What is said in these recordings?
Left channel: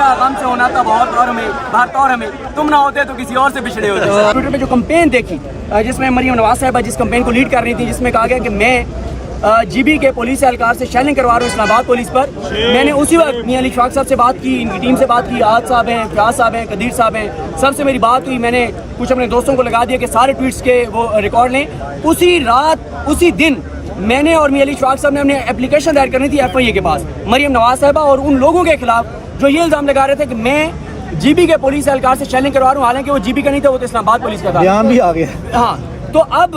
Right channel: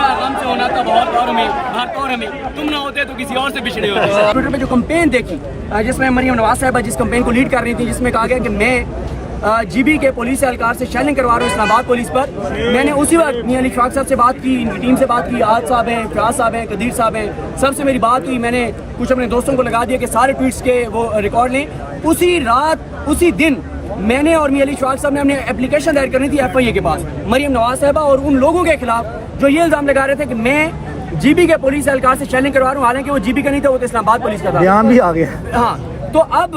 आशना गम से होना था बहुत और हमें तुम ना होते तो किसी और से बिछड़े होते। ट्विटर पे जो कैंपेन देखी जिसमें मरियम नवाज साहिबा जिस कैंपेन को लीड कर रही थी, जिसमें कहा गया कि मैं जीबी के पुलिस एहलकार से शेलिंग करवा रहा हूँ इस्लामाबाद पुलिस पर, मैंने उसी वक्त मियां अली शफाक साहब से बात की, इनकी टीम से बात की, आज साहब हैं, फयाज साहब हैं, कदीर साहब हैं, सबसे मेरी बात हुई। मैंने कुछ अपने दोस्तों को लगा दिया कि सारे ट्वीट्स के वो रिकॉर्ड लें। उसी रात उसी दिन मैंने और मियां अली शफाक साहब ने अपनी एप्लीकेशन दायर करनी थी FIA के पास मरियम नवाज साहिबा और उन लोगों के खिलाफ जो ये इल्ज़ाम लगा रहे थे कि मैं जीबी के पुलिस एहलकार से शेलिंग करवा रहा हूँ, हालांकि वो जीबी का नहीं था, वो तो इस्लामाबाद पुलिस का था। बयान भी आ गया। हाँ, तो अब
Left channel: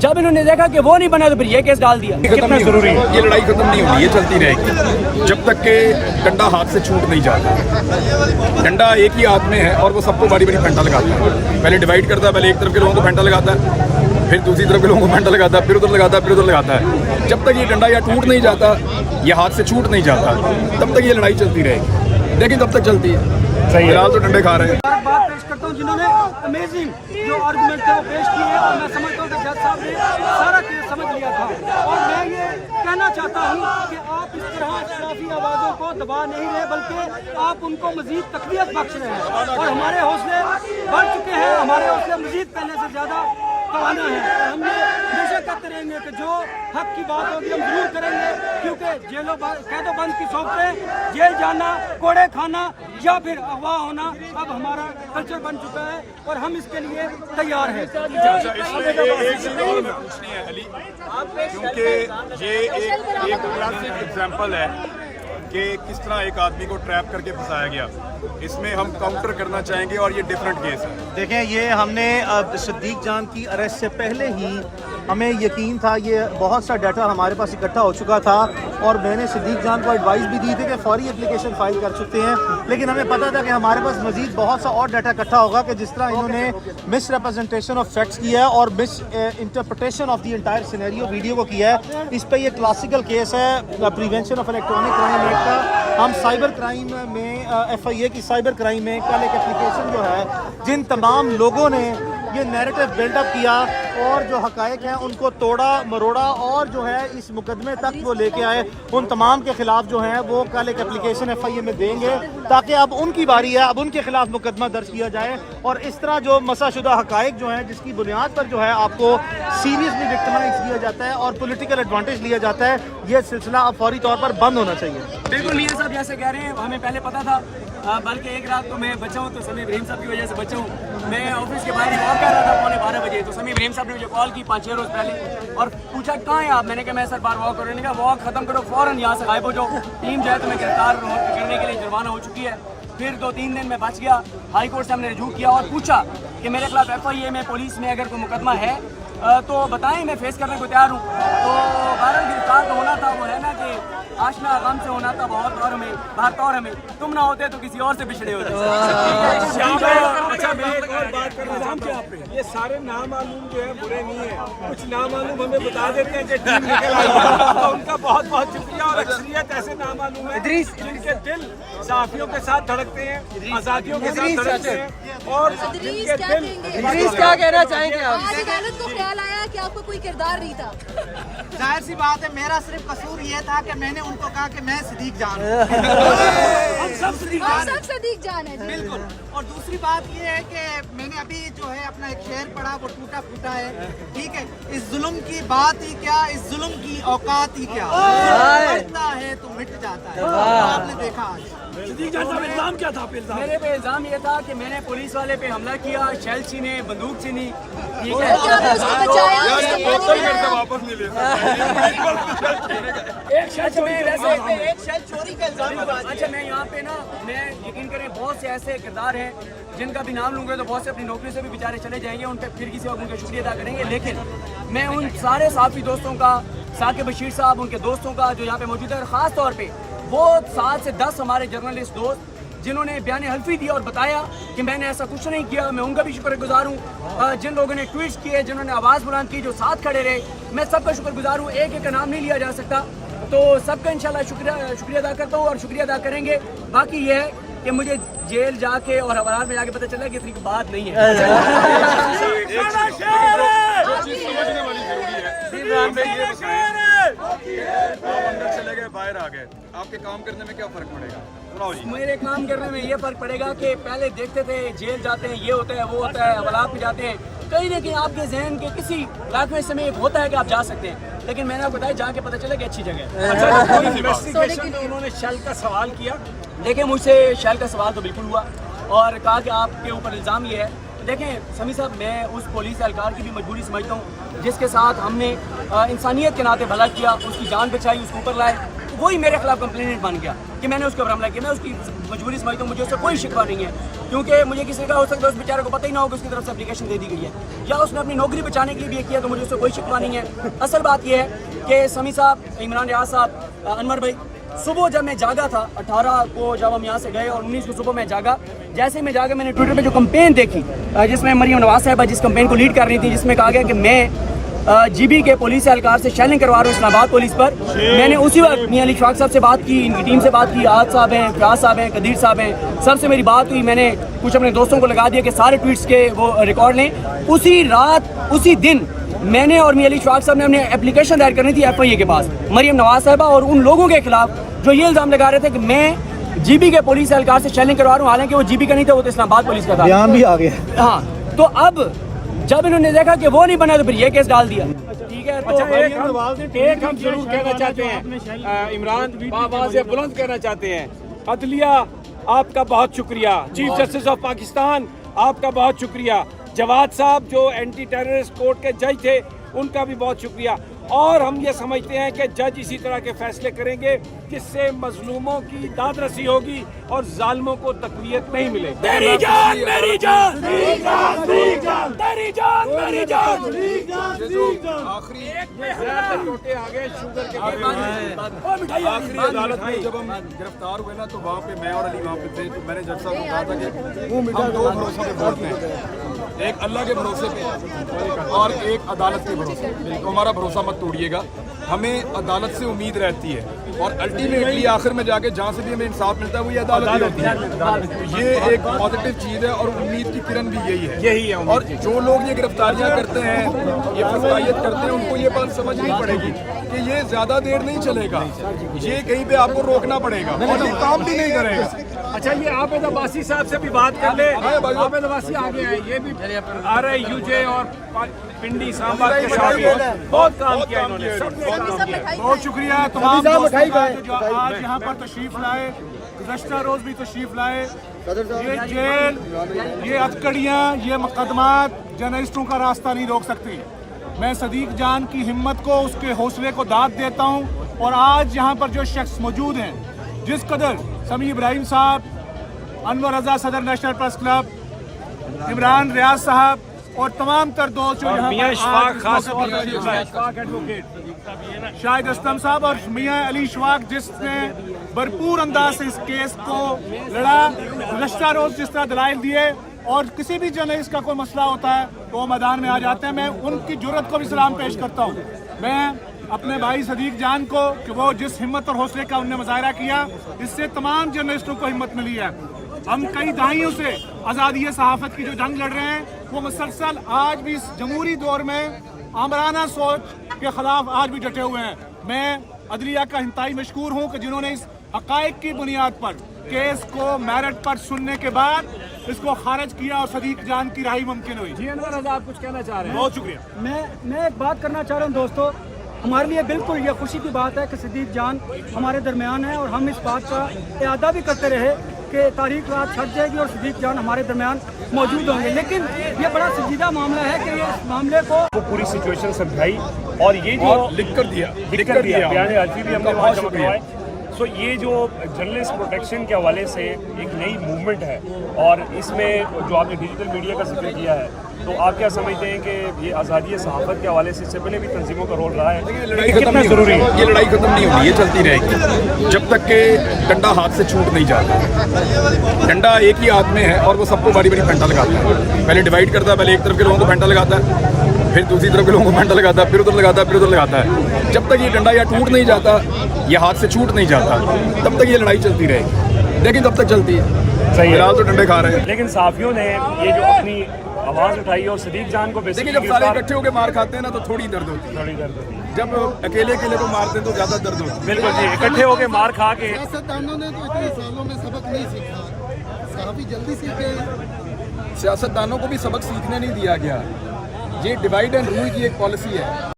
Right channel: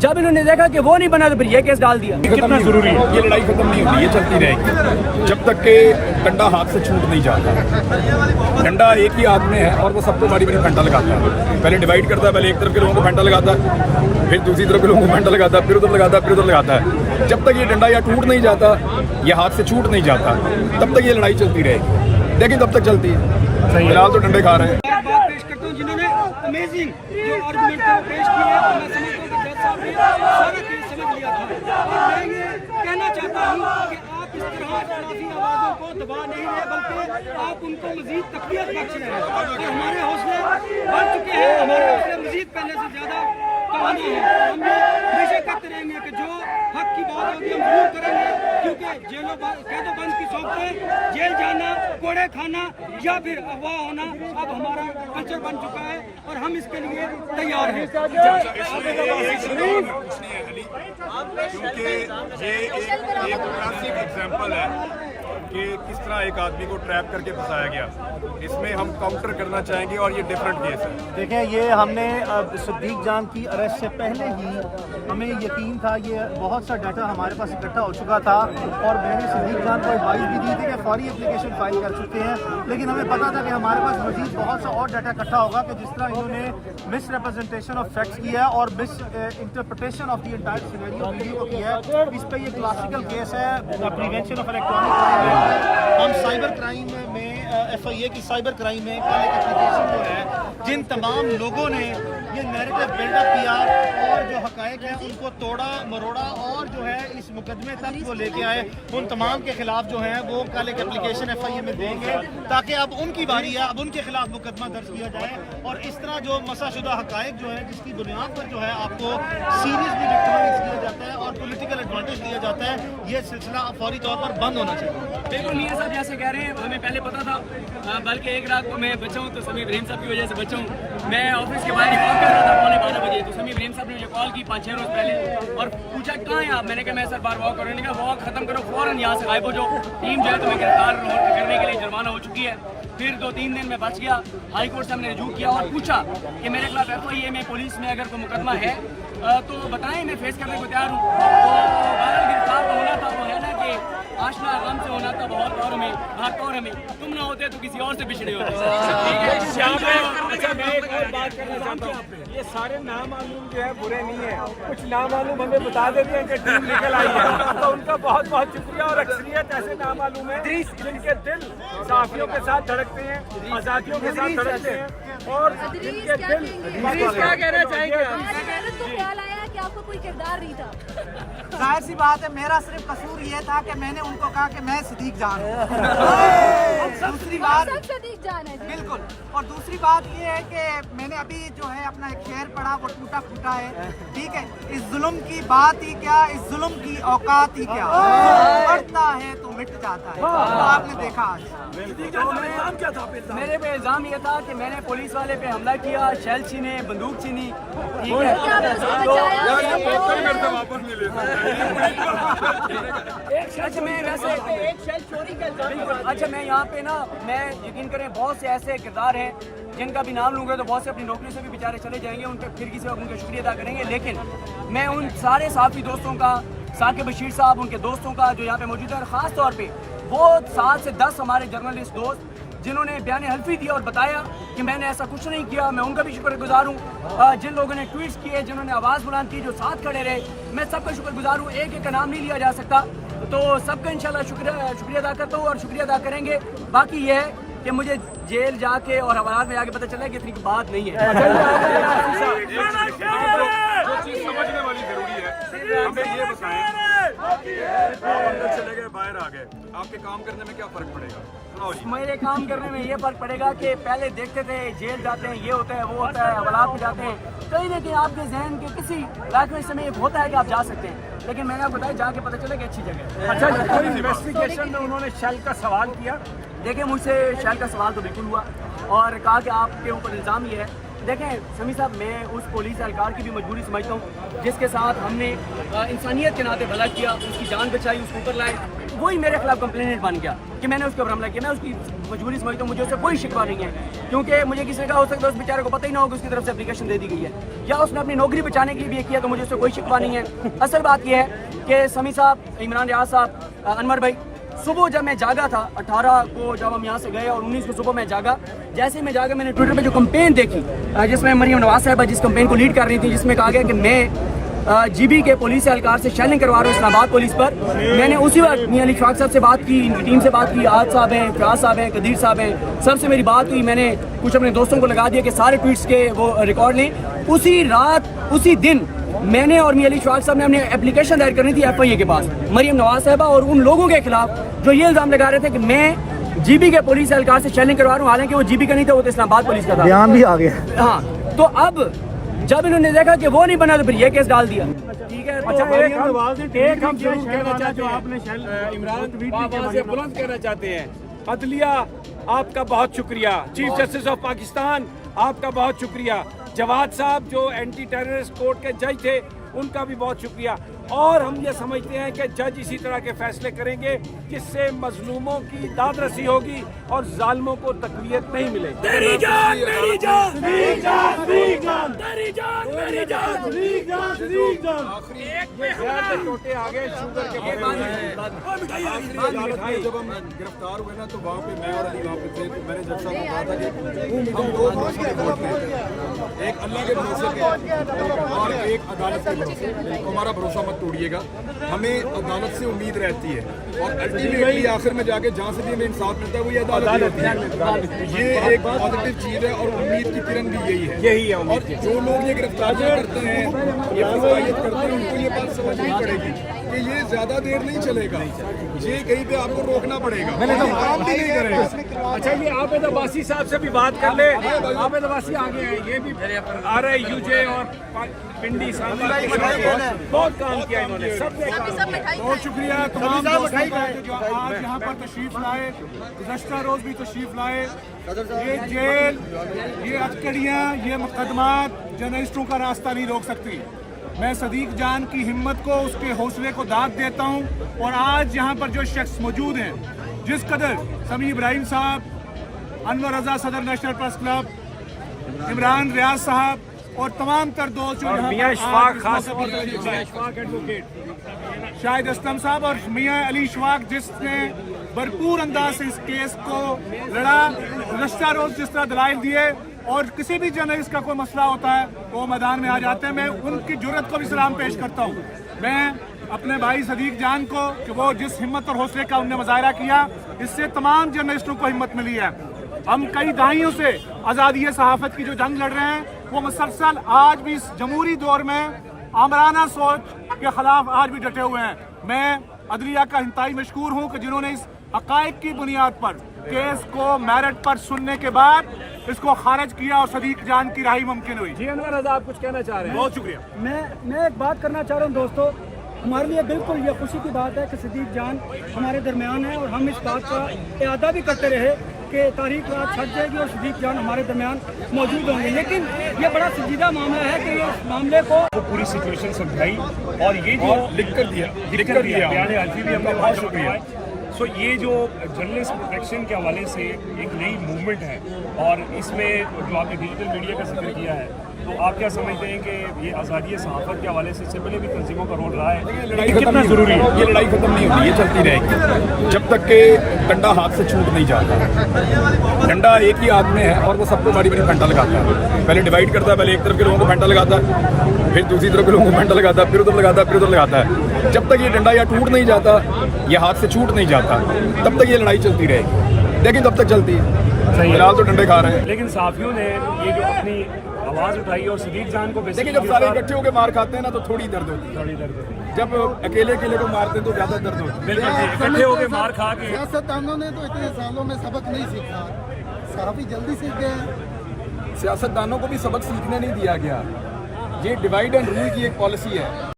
जब इन्होंने देखा कि वो नहीं बना तो फिर ये केस डाल दिया। कितना जरूरी है, ये लड़ाई खत्म नहीं होगी, ये चलती रहेगी जब तक के डंडा हाथ से छूट नहीं जाता। डंडा एक ही हाथ में है और वो सबको बारी बारी फंटा लगाता है, पहले डिवाइड करता है, पहले एक तरफ के लोगों को फंटा लगाता है, फिर दूसरी तरफ के लोगों को फंटा लगाता है, फिर उधर लगाता है, फिर उधर लगाता है। जब तक ये डंडा या टूट नहीं जाता या हाथ से छूट नहीं जाता तब तक ये लड़ाई चलती रहेगी, लेकिन तब तक चलती है। फिलहाल तो डंडे खा रहे हैं। बात पेश करता हूँ जिन्होंने अमेजिंग जो आर्गुमेंट थे वो पेश किए हैं, और मैं समझता हूँ कि जज साहब ने सारा केस समझ लिया था। और मैं ये कहना चाहता हूँ कि आप इस तरह इख्तिलाफी आवाज़ों को दबा नहीं रहे, बल्कि आप उनको मजीद तकवीत बख्श रहे हैं, और हमारे हौसले बढ़ चुके हैं, हमारे हौसले मजीद पहले से ज़्यादा तवाना है। और हम ये हमेशा कहते रहेंगे कि जो हक की बात होगी हम जरूर करेंगे, क्योंकि जेलों कैदो बंद की सोबतें, जेल जाना, कोड़े खाना या फिर अगवा होना अब हमारा कल्चर बन चुका है और हम इसके लिए तैयार हैं। क्योंकि ये एक क्लासिक एग्जाम्पल है कि किस तरह एक आदमी को ट्रैप करके फंसाया गया। इसमें हम काउंटर करना चाहेंगे और ये डिफरेंट केस है। देखें, ये हमने सिद्दीक जान की अरेस्ट से पहले ही हमें यकीन था, ये बहुत सा डाटा हमारे पास इकट्ठा हो चुका था और मैंने सिद्दीक जान को एडवाइस भी दी थी कि फौरी एप्लीकेशन फाइल कर चुके हैं, लेकिन हमें पता था कि हमारे पास मजीद बहुत सा और डाटा इकट्ठा होगा कि जिस तरह इन्होंने मिस रिप्रेजेंटेशन ऑफ फैक्ट्स किया है और miss interpretation of the entire scenario video को किया है। इस पर ये क्लासिकल केस है, prevention of electronic crime act. हम साइबर क्राइम में FIA की साइबर क्राइम में कल एक एप्लीकेशन जो है, जिन तमाम लोगों ने ये नैरेटिव बिल्डअप किया और जो हकायक हैं उनको तोड़ा मरोड़ा और जो है इस मुकदमे तक वो लेके आए, उन तमाम के खिलाफ जो है वो कल एक एप्लीकेशन FIA में देंगे, ताकि अब उनकी बारी है, अब उनके खिलाफ मुकदमा दर्ज किया जाए। और इस तरह जो मसाशुदा हकायक जो हैं, जिसकी बुनियाद पर जो है आपको सीरियसली विक्टिमाइज किया जाता है और पॉलिटिकल एडवांटेज लिया जाता है, ये सिलसिला अब फौरी तौर पर बंद होना चाहिए। बिल्कुल मियां साहब जैसे कह रहे हैं, हमें पहले पता था, बल्कि एक रात को मैं बचा हूँ तो समी इब्राहिम साहब की वजह से बचा हूँ। मैं ऑफिस के बाहर ही वॉक कर रहा था 12:15 बजे, तो समी इब्राहिम साहब ने मुझे कॉल की 5-6 रोज पहले और पूछा कहाँ हैं आप। मैंने कहा मैं सर बार वॉक कर रहा हूँ। वॉक खत्म करो, फौरन यहाँ से गायब हो जाओ, टीम जो है तुम्हें गिरफ्तार करने के लिए जुर्माना हो चुकी है। फिर 2-3 दिन में बच गया, हाई कोर्ट से हमने रजू किया और पूछा कि मेरे खिलाफ FIA में पुलिस में अगर कोई मुकदमा है तो बताएं, मैं फेस करने को तैयार हूँ। तो बहरहाल गिरफ्तार तो होना था, वो है ना कि आशना गम से होना था बहुत और हमें तुम ना होते तो किसी और से बिछड़े होते। अच्छा, मैं एक और बात करना चाहता हूँ, ये सारे नामालूम जो है बुरे नहीं है, कुछ नामालूम हमें बता देते हैं कि टीम निकल आई है, तो उनका बहुत बहुत शुक्रिया। और अक्सरियत ऐसे नामालूम है जिनके दिल साफियों के साथ धड़कते हैं, आजादियों के साथ धड़कते हैं, और जिनके दिल क्या कहना चाहेंगे आप? कि आपको कोई किरदार नहीं था। जाहिर सी बात है, मेरा सिर्फ कसूर ये था कि मैंने उनको कहा कि मैं सिद्दीक जान दूसरी बात सिद्दीक जान है बिल्कुल। और दूसरी बात ये है कि मैंने अभी जो है अपना एक शेर पढ़ा, वो टूटा फूटा है, ठीक है। इस जुल्म की बात ही क्या, इस जुल्म की औकात ही क्या, बढ़ता है तो मिट जाता है। तो आपने देखा क्या था? मेरे पे इल्जाम ये था कि मैंने पुलिस वाले पे हमला किया, शेल छीने, बंदूक छीनी, ठीक है। अच्छा मैं वैसे बिल्कुल, अच्छा मैं यहाँ पे ना, मैं यकीन करें बहुत से ऐसे किरदार हैं जिनका भी नाम लूँगा तो बहुत से अपनी नौकरी से भी बेचारे चले जाएंगे, उन पर फिर किसी वक्त उनका शुक्रिया अदा करेंगे। लेकिन मैं उन सारे साफी दोस्तों का, साकिब बशीर साहब, उनके दोस्तों का जो यहाँ पे मौजूद है, और ख़ास तौर पे वो 7 से 10 हमारे जर्नलिस्ट दोस्त जिन्होंने बयान हल्फी दिया और बताया कि मैंने ऐसा कुछ नहीं किया, मैं उनका भी शुक्रगुजार हूँ। जिन लोगों ने ट्वीट्स किए, जिन्होंने आवाज़ बुलंद की, जो साथ खड़े रहे, मैं सबका शुक्रगुजार हूँ। एक एक का नाम नहीं लिया जा सकता, तो सबका इंशाल्लाह शुक्रिया अदा करता हूँ और शुक्रिया अदा करेंगे। बाकी ये है कि मुझे जेल जाके और हवालात में जाके पता चला कि इतनी बात नहीं है। जो चीज़ समझने वाली जरूरी है, हमें ये बताएं आप अंदर चले गए, बाहर आ गए, आपके काम करने में क्या फर्क पड़ेगा? सुनाओ जी। मेरे काम करने में ये फर्क पड़ेगा कि पहले देखते थे जेल जाते हैं, ये होता है, वो होता है, हवालात में जाते हैं, कहीं ना कहीं आपके जहन के किसी लाइफ में समय एक होता है कि आप जा सकते हैं, लेकिन मैंने आपको बताया जाके पता चला कि अच्छी जगह है। अच्छा, कोई इन्वेस्टिगेशन में उन्होंने शल का सवाल किया? देखिए, मुझसे शल का सवाल तो बिल्कुल हुआ और कहा कि आपके ऊपर इल्ज़ाम ये है। देखें समी साहब, मैं उस पुलिस एहलकार की भी मजबूरी समझता हूँ जिसके साथ हमने इंसानियत के नाते भला किया, उसकी जान बचाई, उसको ऊपर लाए, तो वही मेरे खिलाफ कंप्लेंट बन गया कि मैंने उसके ऊपर हमला किया। मैं उसकी मजबूरी समझता हूँ, मुझे उससे कोई शिकवा नहीं है, क्योंकि मुझे किसी का हो सकता है उस बेचारे को पता ही ना हो कि उसकी तरफ से एप्लीकेशन दे दी गई है या उसने अपनी नौकरी बचाने के लिए भी किया, तो मुझे उससे कोई शिकवा नहीं है। असल बात यह है कि समी साहब, इमरान रियाज साहब, अनवर भाई, सुबह जब मैं जागा था 18 को जब हम यहाँ से गए और 19 को सुबह मैं जागा, जैसे ही मैं जागा मैंने ट्विटर पे जो कैंपेन देखी जिसमें मरियम नवाज साहिबा जिस कैंपेन को लीड कर रही थी, जिसमें कहा गया कि मैं जीबी के पुलिस एहलकार से शेलिंग करवा रहा हूँ इस्लामाबाद पुलिस पर, मैंने उसी वक्त मियां अली शफाक साहब से बात की, इनकी टीम से बात की, आज साहब हैं, फयाज साहब हैं, कदीर साहब हैं, सबसे मेरी बात हुई। मैंने कुछ अपने दोस्तों को लगा दिया कि सारे ट्वीट्स के वो रिकॉर्ड लें। उसी रात उसी दिन मैंने और मियां अली शफाक साहब ने अपनी एप्लीकेशन दायर करनी थी FIA के पास मरियम नवाज साहिबा और उन लोगों के खिलाफ जो ये इल्ज़ाम लगा रहे थे कि मैं जीबी के पुलिस एहलकार से शेलिंग करवा रहा हूँ, हालांकि वो जीबी का नहीं था, वो तो इस्लामाबाद पुलिस का था। बयान भी आ गया। हाँ, तो अब जब इन्होंने देखा कि वो नहीं बना तो फिर ये केस डाल दिया। ठीक है, तो अच्छा, एक हम जरूर कहना चाहते हैं, इमरान बाबा से बुलंद कहना चाहते हैं, अदलिया आपका बहुत शुक्रिया, चीफ जस्टिस ऑफ पाकिस्तान आपका बहुत शुक्रिया, जवाद साहब जो एंटी टेररिस्ट कोर्ट के जज थे उनका भी बहुत शुक्रिया, और हम ये समझते हैं कि जज इसी तरह के फैसले करेंगे जिससे मजलूमों की दादरसी होगी और जालिमों को तकवीत नहीं मिलेगी। तेरी जान मेरी जान, तेरी जान मेरी जान, तेरी जान मेरी जान, आखिरी जहर के टोटे आ गए शुगर के आखिरी अदालत में जब हम गिरफ्तार हुए ना, तो वहाँ पे मैं और अली वहाँ पे थे, तो मैंने जज साहब को कहा था कि हम दो भरोसों पे वोट दें, एक अल्लाह के भरोसे पे और एक अदालत के भरोसे पे। तो हमारा भरोसा मत तोड़िएगा, हमें अदालत से उम्मीद रहती है और अल्टीमेटली आखिर में जाके जहाँ से भी हमें इंसाफ मिलता है वो ये अदालत ही होती है। ये एक पॉजिटिव चीज़ है और उम्मीद की किरण भी यही है। और जो लोग ये गिरफ्तारियाँ करते हैं, ये फसाइयत करते हैं, उनको ये बात समझनी पड़ेगी कि ये ज़्यादा देर नहीं चलेगा, ये कहीं पे आपको रोकना पड़ेगा और ये काम भी नहीं करेगा। अच्छा, ये आबिद अब्बासी साहब से भी बात कर ले। आबिद अब्बासी आगे हैं, ये भी RIUJ और पिंडी सांबा के साथ बहुत काम किया इन्होंने, सबने काम किया। बहुत शुक्रिया तमाम दोस्तों का जो आज यहाँ पर तशरीफ लाए, गुज़श्ता रोज़ भी तशरीफ लाए। ये जेल, ये अटकड़ियाँ, ये मुकदमात जर्नलिस्टों का रास्ता नहीं रोक सकती। मैं सदीक जान की हिम्मत को, उसके हौसले को दाद देता हूँ। और आज यहाँ पर जो शख्स मौजूद हैं, जिस कदर समी इब्राहिम साहब, अनवर रजा सदर national press club, Imran Riaz साहब और तमाम तर दोस्त जो यहाँ मियां इशफाक खास शाहिद असलम साहब और मियां अली शफाक, जिसने भरपूर अंदाज से इस केस को लड़ा, गुज़श्ता रोज जिस तरह दलाइल दिए, और किसी भी जर्नलिस्ट का कोई मसला होता है तो वो मैदान में आ जाते हैं। मैं उनकी जुर्रत को भी सलाम पेश करता हूँ। मैं अपने भाई सदीक जान को कि वो जिस हिम्मत और हौसले का उनने मुजाहरा किया, इससे तमाम जर्नलिस्टों को हिम्मत मिली है। हम कई दहाइयों से आज़ादी सहाफ़त की जो जंग लड़ रहे हैं, वो मुसलसल आज भी इस जमहूरी दौर में आमराना सोच के खिलाफ आज भी डटे हुए हैं। मैं अदलिया का इंतहाई मशकूर हूँ कि जिन्होंने इस हक़ाइक़ की बुनियाद पर केस को मेरिट पर सुनने के बाद इसको खारिज किया और सदीक जान की राही मुमकिन हुई। जी अनवर रज़ा, आप कुछ कहना चाह रहे हैं? बहुत शुक्रिया। मैं एक बात करना चाह रहा हूँ दोस्तों, हमारे लिए बिल्कुल ये खुशी की बात है कि सदीक जान हमारे दरमियान है, और हम इस बात का इरादा भी करते रहे कि तारीख रात छट जाएगी और सदीक जान हमारे दरमियान मौजूद होंगे। लेकिन ये बड़ा संजीदा मामला है कि ये इस मामले को पूरी सिचुएशन समझाई और ये जो लिख कर दिया बहुत शुक्रिया। सो ये जो जर्नलिस्ट प्रोटेक्शन के हवाले से एक नई मूवमेंट है, और इसमें जो आपने डिजिटल मीडिया का जिक्र किया है, तो आप क्या समझते हैं कि ये आज़ादी सहाफ़त के हवाले से इससे पहले भी तंजीमों का रोल रहा है? लड़ाई खत्म नहीं जरूरी है, ये लड़ाई खत्म नहीं होती, ये चलती रहेगी जब तक के डंडा हाथ से छूट नहीं जाता। डंडा एक ही हाथ में है और वो सबको बारी बारी फंटा लगाता है। पहले डिवाइड करता है, पहले एक तरफ के लोगों को फंटा लगाता है, फिर दूसरी तरफ के लोगों को फंटा लगाता है, फिर उधर लगाता है, फिर उधर लगाता है। जब तक ये डंडा या टूट नहीं जाता, ये हाथ से छूट नहीं जाता, तब तक ये लड़ाई चलती रहेगी। लेकिन तब तक चलती है, फिलहाल तो डंडे खा रहे हैं। लेकिन साफियों ने ये जो अपनी आवाज़ उठाई और सदीक जान को देखिए, जब सारे इकट्ठे होकर मार खाते हैं ना, तो थोड़ी दर्द होती है। जब अकेले अकेले को मारते हैं तो ज्यादा दर्द होता है। बिल्कुल जी, इकट्ठे होके मार खा के सियासतदानों ने तो इतने सालों में सबक नहीं सीखा, सहाफी जल्दी सीख गए। सियासतदानों को भी सबक सीखने नहीं दिया गया। ये डिवाइड एंड रूल की एक पॉलिसी है।